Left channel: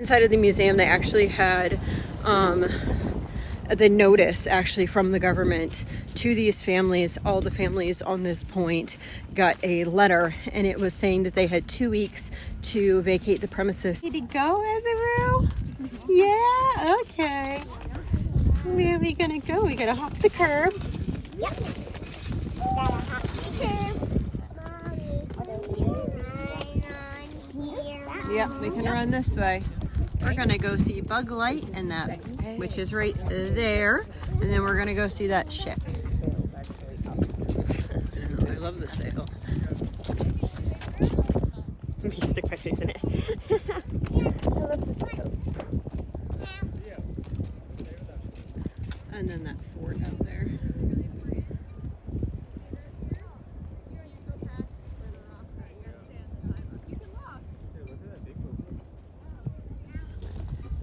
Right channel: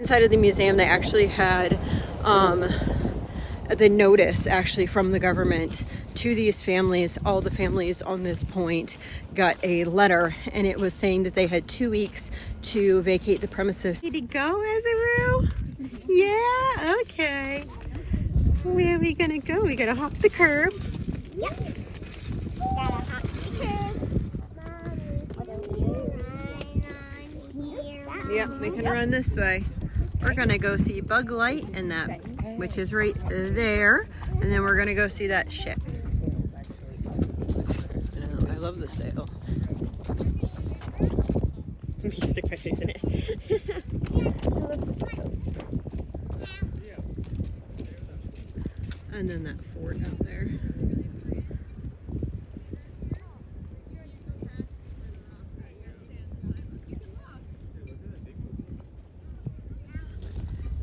Inside of the museum, they actually had the notice actually from the government to these families. All the families on this point got a letter, and it was saying that they had 2 weeks to vacate the premises. Ready to go, Ezra? Yeah, okay. Where are we gonna go? We gotta hop the curb. Yep. Gotta hop the curb. Yep, we can run this way. We're gonna go see Bug Light and that, which is right there, and then we're gonna go see that ship. I love the sails. Let me stick my face in it. I love the sails. And then that fort out there.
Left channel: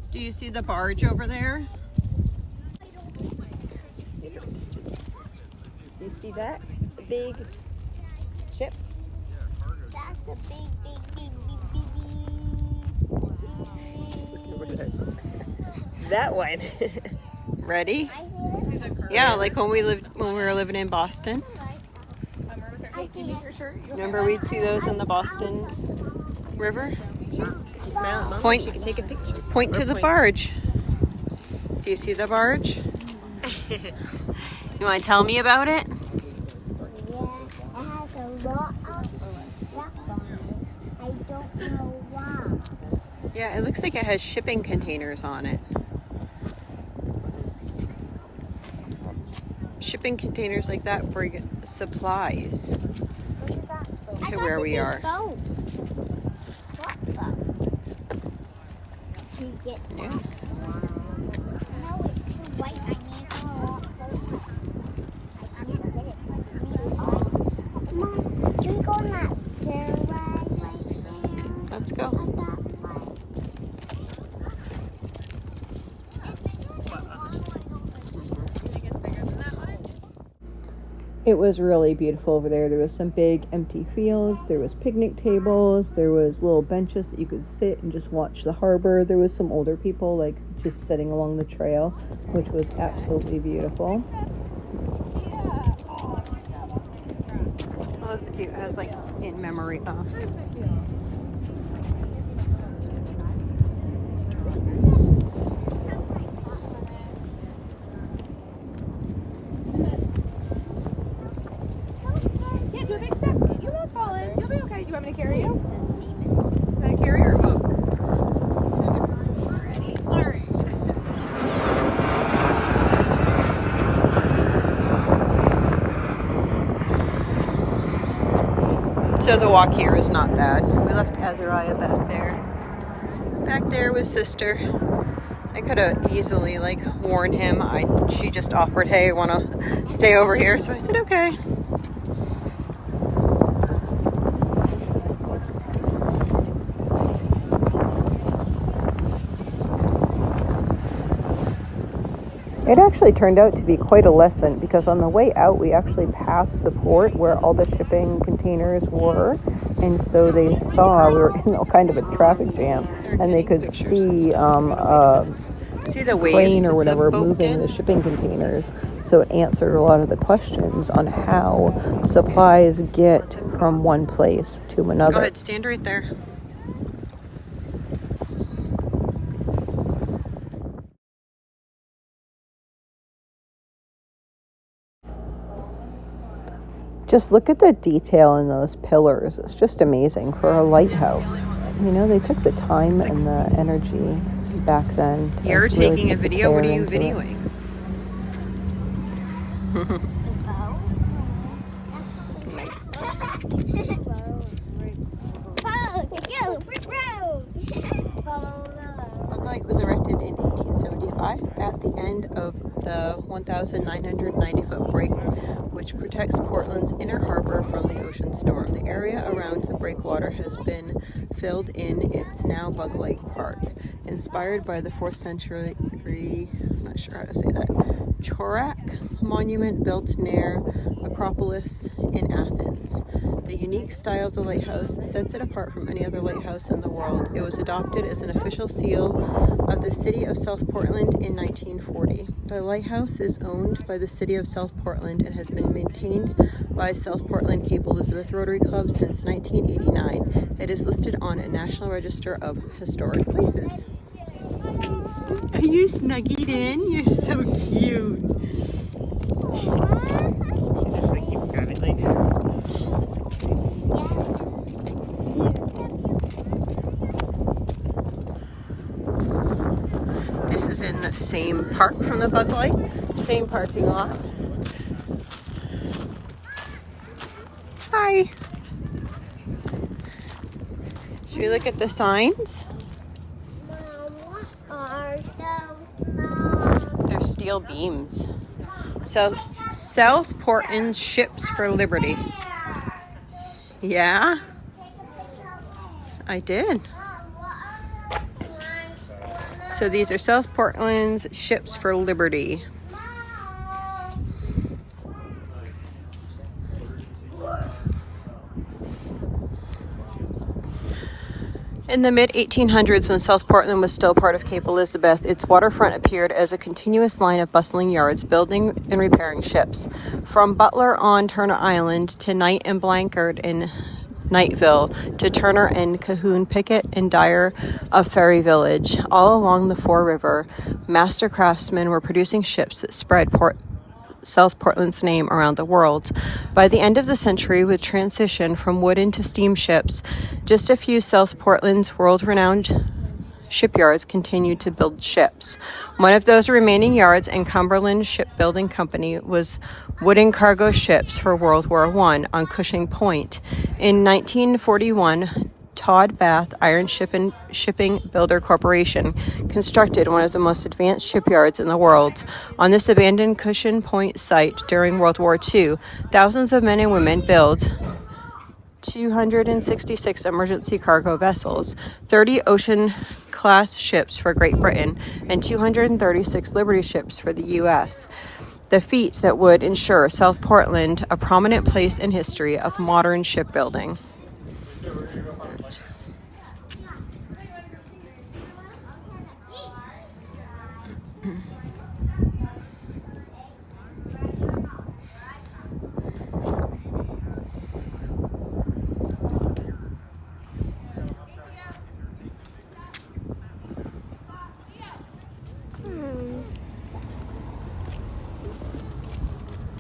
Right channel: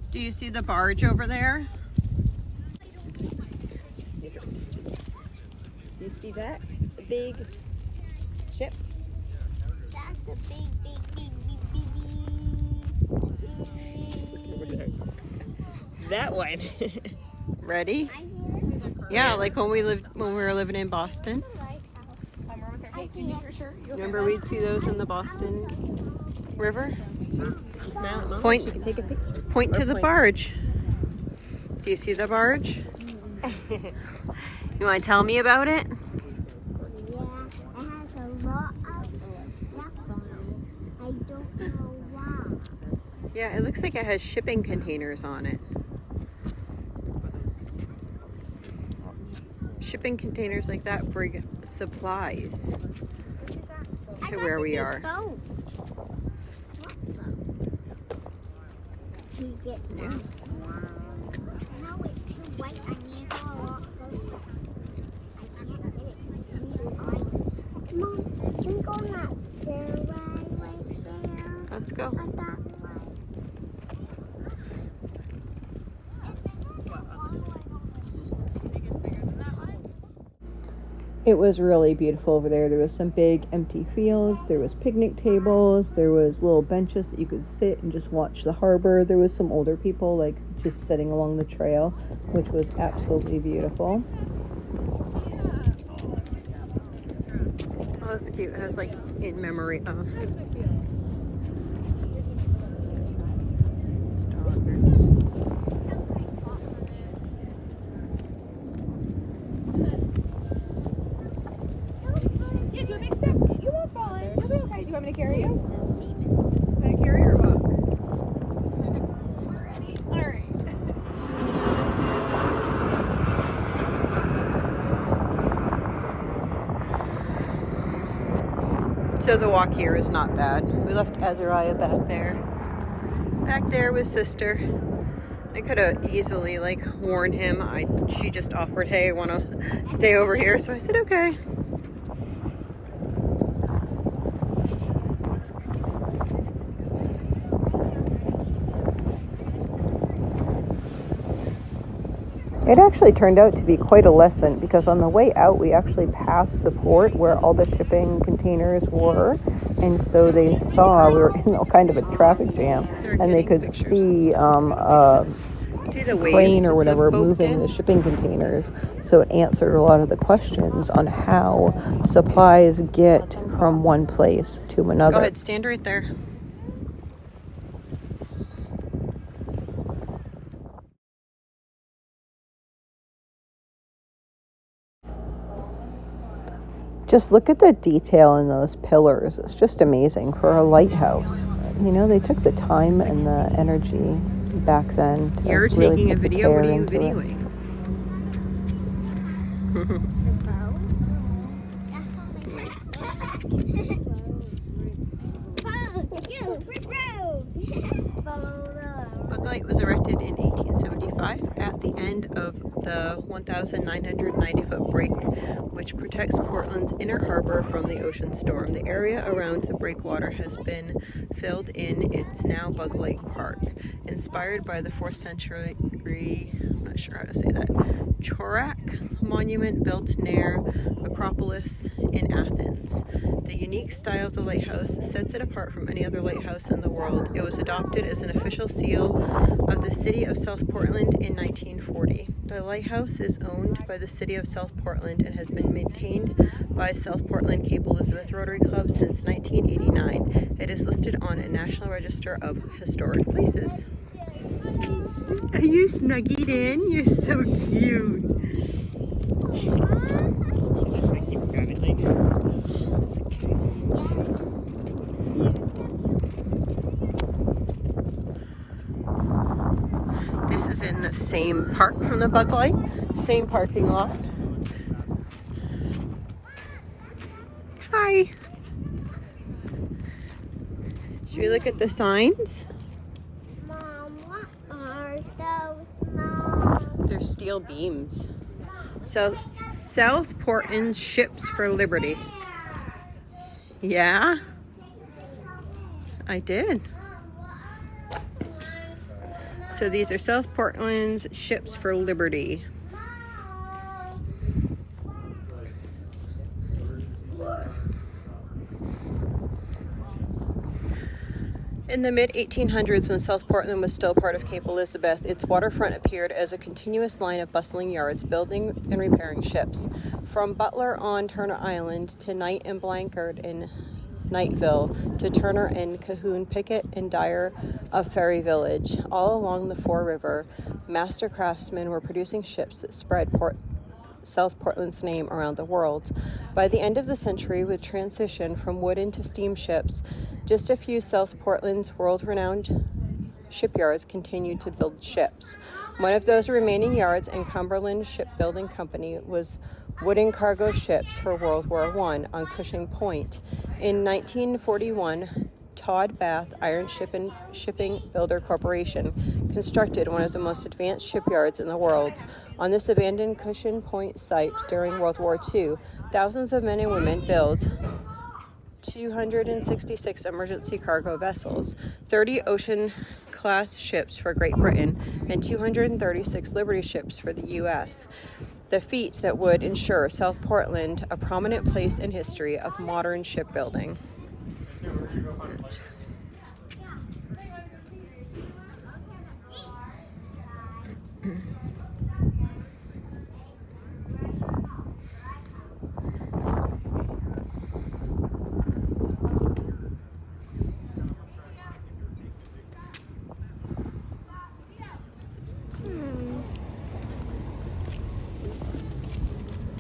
Do you see the barge over there? You see that? The big ship? That's a big. That one. Ready? Yeah, like when we were living in Boston. Remember we'd see those in the Boston River? Point. You can take a picture. Point to the barge. Do you see the barge? You want to tell me about it? Yeah, it has a lot of stuff on it. I don't know why. Yeah, it looks like it has shipping containers on it. Shipping containers like that bring supplies to where we are. Yeah. No, it's too white. I need to go a lot closer. I can't get it because it's too white. Mom, can we go on that stairway right there? Let's go. At that light. It was really beautiful over there. There was some big empty fields. There was picnic tables. There was little benches that you could sit and just watch the harbor. There was some older people like just sitting along the trail, which was absolutely beautiful. Oh, that's cute. It has like in memory of. Yeah, do a big step. You won't fall in. You'll be okay. Do you want me to carry you? Can I carry or hook? Alrighty. Alright. So the walk here is not bad. We left Azariah back there. Back there with sister. I could have easily like warned him. She just offered, hey, wanna stay over here? So I said, okay. It actually turned out to be quite a lesson because on the way out we actually passed the port where all the shipping containers were, and so they saw we were in kind of a traffic jam, and they could see the crane or whatever moving the shipping containers. So it answered a lot of the questions on how supplies get from one place to another. Go ahead, stand right there. Just look at the detail in those pillars. It's just amazing for a lighthouse. You know, they took the time and the energy back then. You're really taking a video? What are you videoing? Bug Light was erected in 1875 at the end of the 1,990-foot break, which protects Portland's inner harbor from the ocean storm. The area around the breakwater has been filled in. It's now Bug Light Park. In inspired by the 4th century, I'm not sure how to say that, Chorak monument built near Acropolis in Athens. The unique style of the lighthouse sets it apart from any other lighthouse in the world. It was adopted as an official seal of the city of South Portland in 1940. The lighthouse is owned by the city of South Portland and has been maintained by South Portland Cape Elizabeth Rotary Club since 1989. It is listed on a National Register of Historic Places. Are you snuggied in? You're so cute. It's just like you got it like. This is in the same park from the Bug Light, same parking lot. Hi. Should we look at the signs? Mom, what are those, Mom? They're steel beams. So, South Portland Ships for Liberty. Yeah, I did. So these are South Portland's Ships for Liberty. In the mid-1800s, when South Portland was still part of Cape Elizabeth, its waterfront appeared as a continuous line of bustling yards building and repairing ships. From Butler on Turner Island to Knight and Blankard in Knightville to Turner and Cahoon Pickett and Dyer of Ferry Village. All along the Fore River, master craftsmen were producing ships that spread South Portland's name around the world. By the end of the century, with transition from wooden to steamships, just a few South Portland's world-renowned shipyards continued to build ships. One of those remaining yards in Cumberland Shipbuilding Company was wooden cargo ships for World War I on Cushing Point. In 1941, Todd Bath Iron Shipping Builder Corporation constructed one of the most advanced shipyards in the world. On this abandoned Cushing Point site during World War II, thousands of men and women built 266 emergency cargo vessels, 30 Ocean-class ships for Great Britain, and 236 Liberty ships for the U.S. The feat that would ensure South Portland a prominent place in history of modern shipbuilding.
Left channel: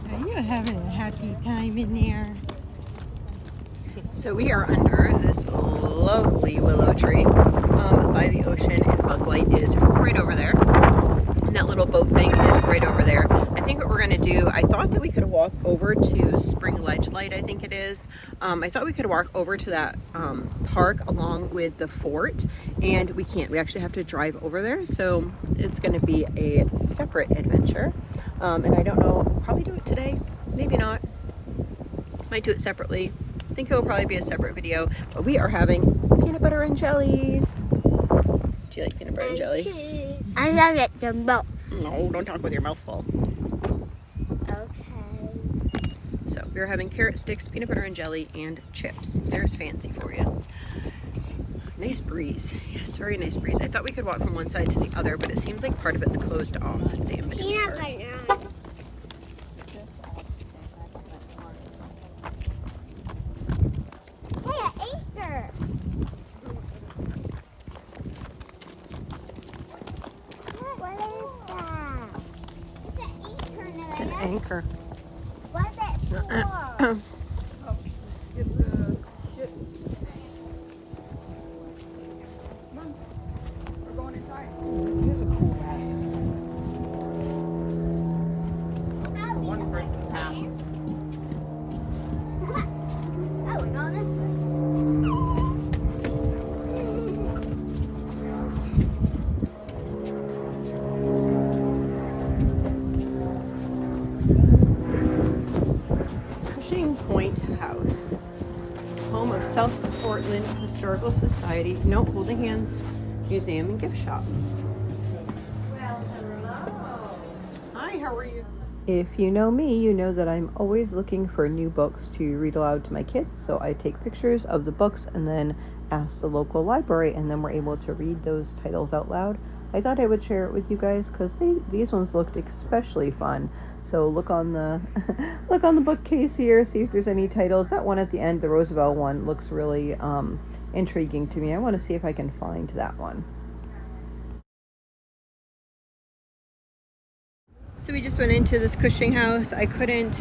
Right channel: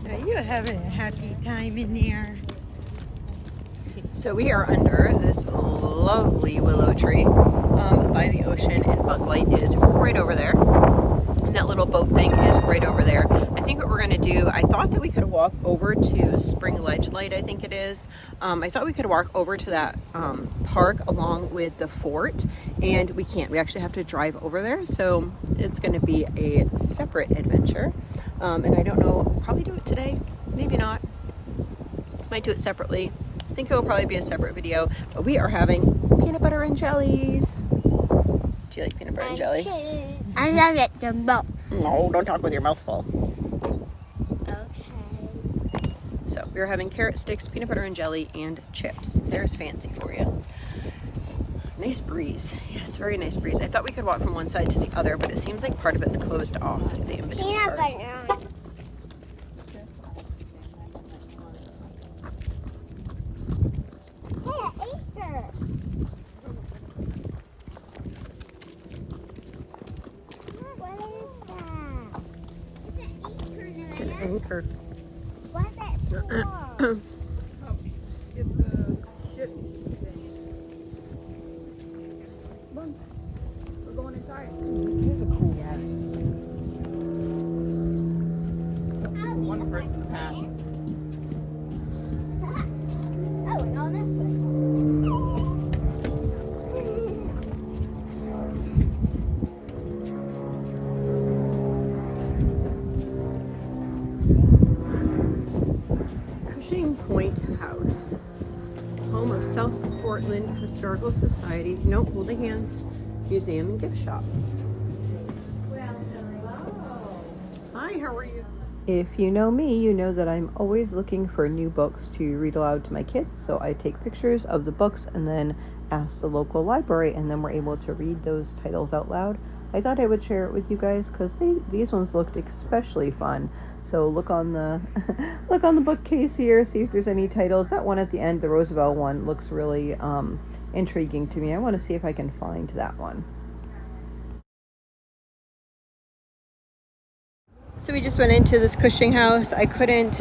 Are you having a happy time in there? So we are under this lovely willow tree by the ocean, and Bug Light is right over there. And that little boat thing is right over there. I think what we're going to do, I thought that we could walk over to Spring Ledge Light, I think it is. I thought we could walk over to that park along with the fort, and we can't. We actually have to drive over there, so it's going to be a separate adventure. And I don't know, we'll probably do it today, maybe not. Might do it separately. I think it will probably be a separate video, but we are having peanut butter and jellies. Do you like peanut butter and jelly? I love it the most. No, don't talk with your mouth full. Okay. So we're having carrot sticks, peanut butter and jelly, and chips. There's fancy for you. Nice breeze. Yes, very nice breeze. I thought we could walk from one side to the other, but it seems like part of it's closed off. The in-between Peanut part. butter. Hey, an anchor. What is that? It's an anchor. It's an anchor. What's it for? Get the ships. Come on. We're going inside. One person half. Oh, no, this way. Cushing Point House, home of South Portland Historical Society. No, holding hands. Museum and Gift Shop. Hi, how are you? If you know me, you know that I'm always looking for new books to read aloud to my kids. So I take pictures of the books and then ask the local library, and then we're able to read those titles out loud. I thought I would share it with you guys because these ones looked especially fun. So look on the look on the bookcase here, see if there's any titles. That one at the end, the Roosevelt one, looks really intriguing to me. I want to see if I can find that one. So we just went into this Cushing house. I couldn't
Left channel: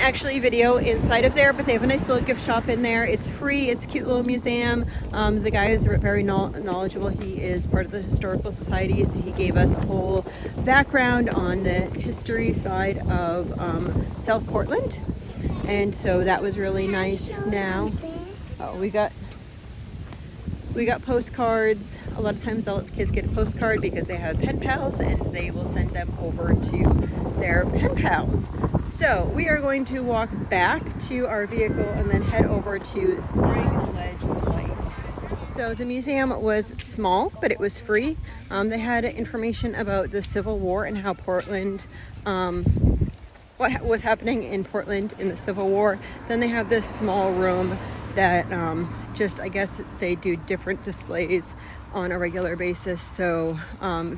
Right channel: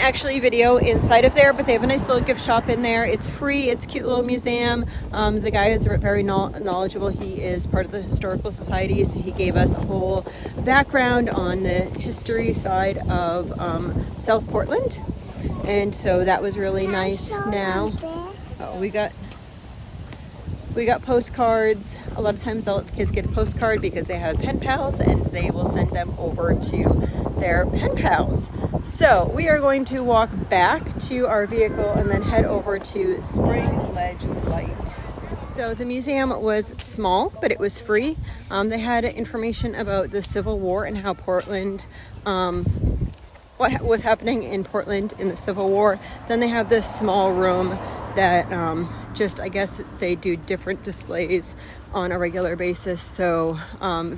actually video inside of there, but they have a nice little gift shop in there. It's free. It's a cute little museum. The guy is very knowledgeable. He is part of the Historical Society, so he gave us a whole background on the history side of South Portland, and so that was really nice. Now, we got postcards. A lot of times I'll let the kids get a postcard because they have pen pals and they will send them over to their pen pals. So we are going to walk back to our vehicle and then head over to Spring Ledge Light. So the museum was small, but it was free. They had information about the Civil War and how Portland, what was happening in Portland in the Civil War. Then they have this small room that I guess they do different displays on a regular basis. So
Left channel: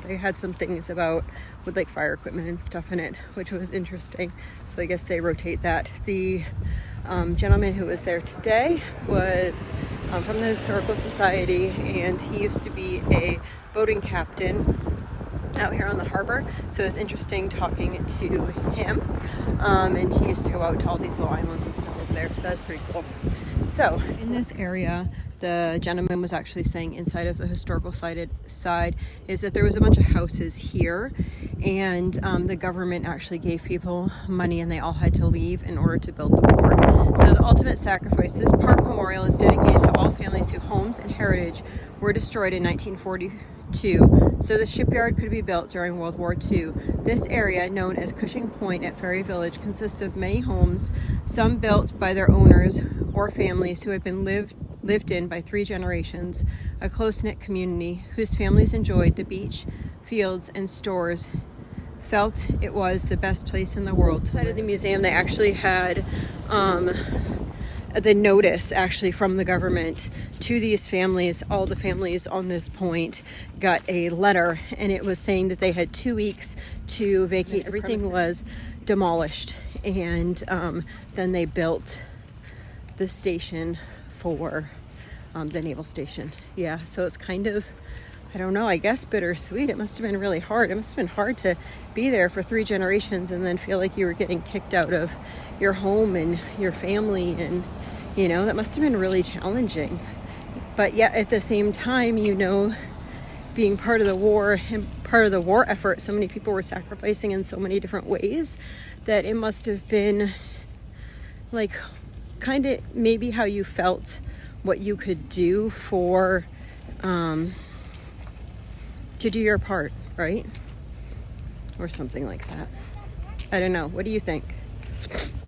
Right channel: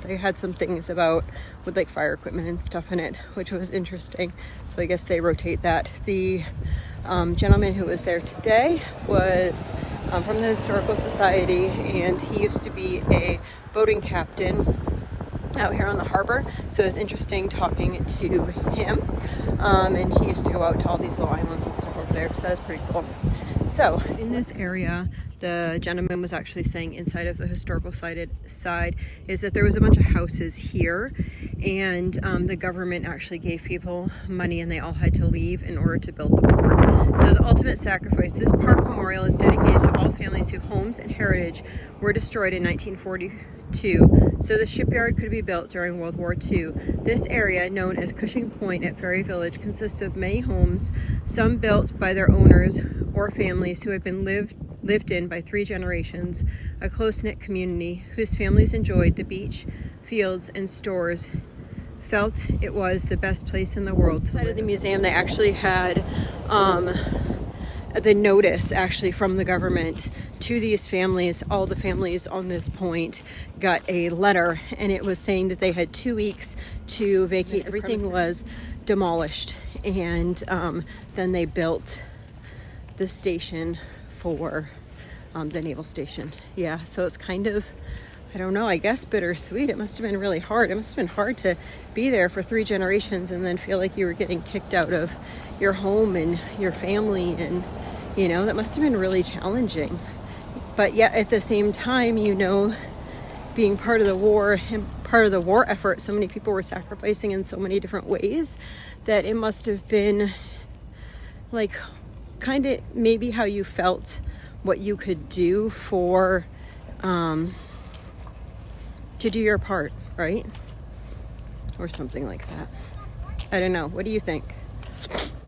they had some things with like fire equipment and stuff in it, which was interesting. So I guess they rotate that. The gentleman who was there today was from the Historical Society, and he used to be a boating captain out here on the harbor, so it was interesting talking to him. And he used to go out to all these little islands and stuff over there, so that's pretty cool. So in this area, the gentleman was actually saying inside of the historical side is that there was a bunch of houses here, and the government actually gave people money and they all had to leave in order to build the port. So the ultimate sacrifice, this park memorial is dedicated to all families whose homes and heritage were destroyed in 1942, so the shipyard could be built during World War II. This area, known as Cushing Point at Ferry Village, consists of many homes, some built by their owners or families who had been lived in by 3 generations, a close-knit community whose families enjoyed the beach, fields, and stores, felt it was the best place in the world. Inside of the museum, they actually had the notice actually from the government to these families. All the families on this point got a letter, and it was saying that they had 2 weeks to vacate. Everything was demolished, and then they built the station for the naval station. Yeah, so it's kind of, I don't know, I guess bittersweet. It must have been really hard. It must have been hard to be there for 3 generations and then feel like you were getting kicked out of your home and your family, and you know, that must have been really challenging. But yet at the same time, you know, being part of the war and part of the war effort, so many people were sacrificing in so many different ways that it must have been like kind of maybe how you felt, what you could do for to do your part, right? Or something like that. I don't know. What do you think?